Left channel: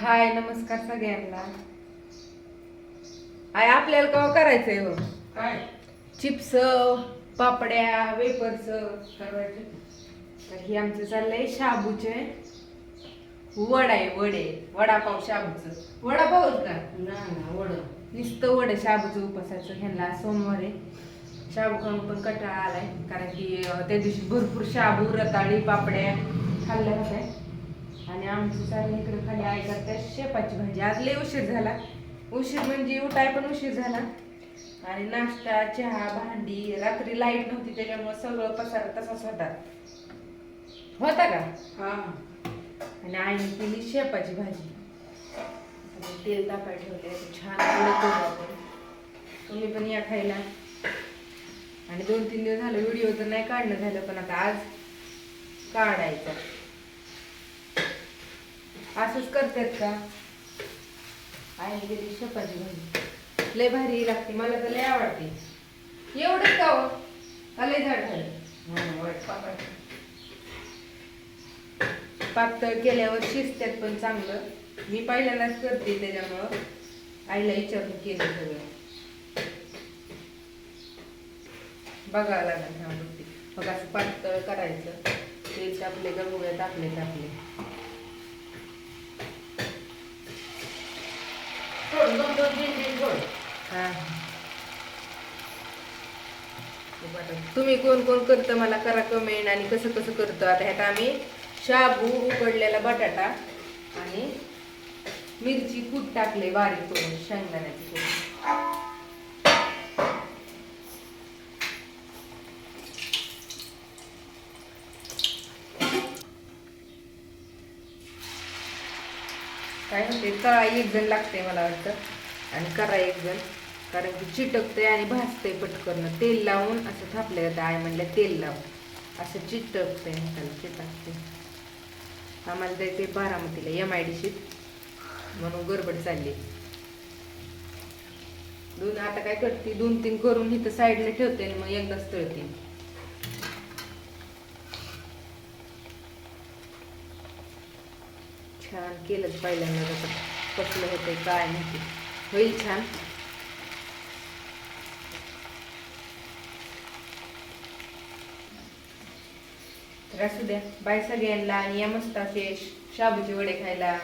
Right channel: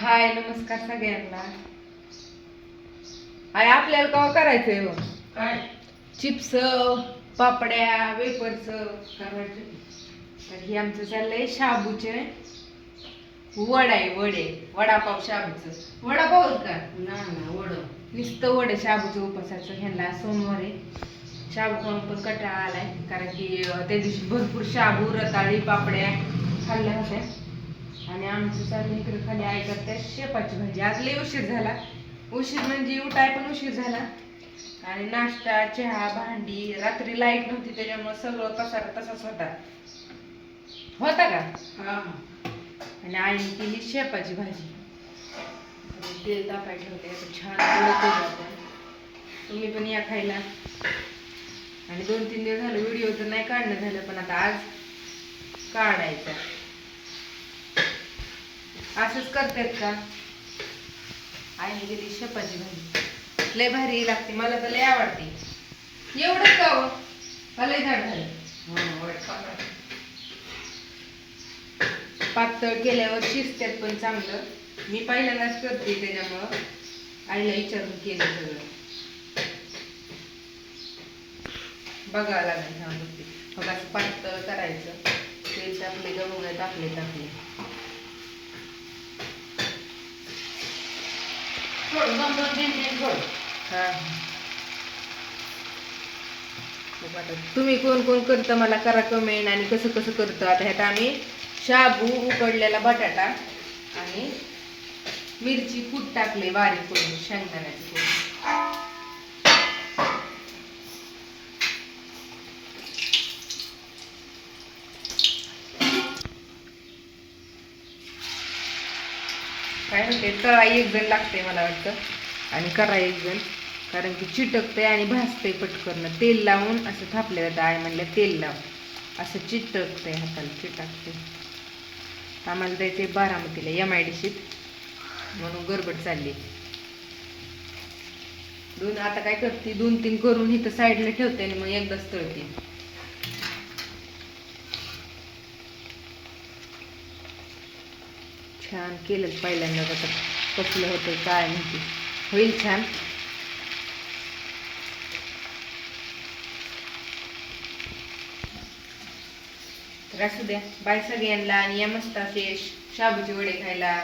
हाय नमस्कार सगळ्यांना. आय आपल्याला कवा करायचंय हो काय? चिप्स पापड्या वेपर्स करायचे. तर हे आमचं चाललंय शाबूचे वड आहे वडे. वडापाव शाबूचं. वडापाव का? ना ना वड. नुसतं वड शाबूचं उपासाचं ह्यांना सोमवार. आहे शाबू खाऊन पण कंटाळा आलाय कारण की त्या दिवशी भरपूर शाबू रताळी पापड्या खाल्ल्या होत्या. आणि आमची चालली इकडे खाली आई करते शेपाची भाजी. आज लय उशीर झाला. उशीर म्हणजे उठाय पण उशीर झाला. आणि नाश्ता चहा भांडी रात्री लाइट नव्हती त्याच्यामुळे सगळं पसारा तसाच होता. होता का? हा. आणि आईने केली शेपाची भाजी. तेल तापाय ठेवले आता छान आपण तुम्ही पण या खायला. आणि दोन तीन दिवस झालं व्हिडिओ तर नाही काढणं झालं पण आता आज काढायचा. असंच करतात का? आई गेली शेपाची भाजी. लय भारी लागते मला तर लय आवडते. एवढंच का हो? का लय झाड झालं? पातळ केल्यावर शिजत्यात पण चांगलं. मी पहिल्यांदाच करते त्याच्यामुळं. आईला विचारून केलं सगळं. बघावं लागेल हा गोष्टी. मग असं पातळ करायचं. तेल टाकले का बघा टाकले टाकले. दोन दोन तीन तीन थोडं. हा. तुम्ही कोण कोण करतं मला करा कमेंट आणि कसं कसं करतं. आता ह्यात आम्ही शाबू उकडलेला बटाटा आणि मिरची कूट टाकले बारीक करून शेंगदाण्याची कूट. काय म्हणते कळाई एक जण लागते मला वाटतं. आणि करा एक जण. कारण की चिटकते आणि भाजते पटकन. तेल लावून असं थापलं जातं आय म्हणलं तेल लावून असं चिटकते हाताला चिटकते आम्हाला जायचे बारामतीला एम आय डी म्हणून गडबड चालली. दोन आता काय करते दोन तीन करून इथं साईडला ठेवते आणि मग एकदाच तळते. छान केलं पहिल्यांदा कसं कसलं होतं काय माहिती. होईल छान. तर असू द्या. बाय सगळ्यांना आणि या मस्त असे शाबूचे वडे खायला.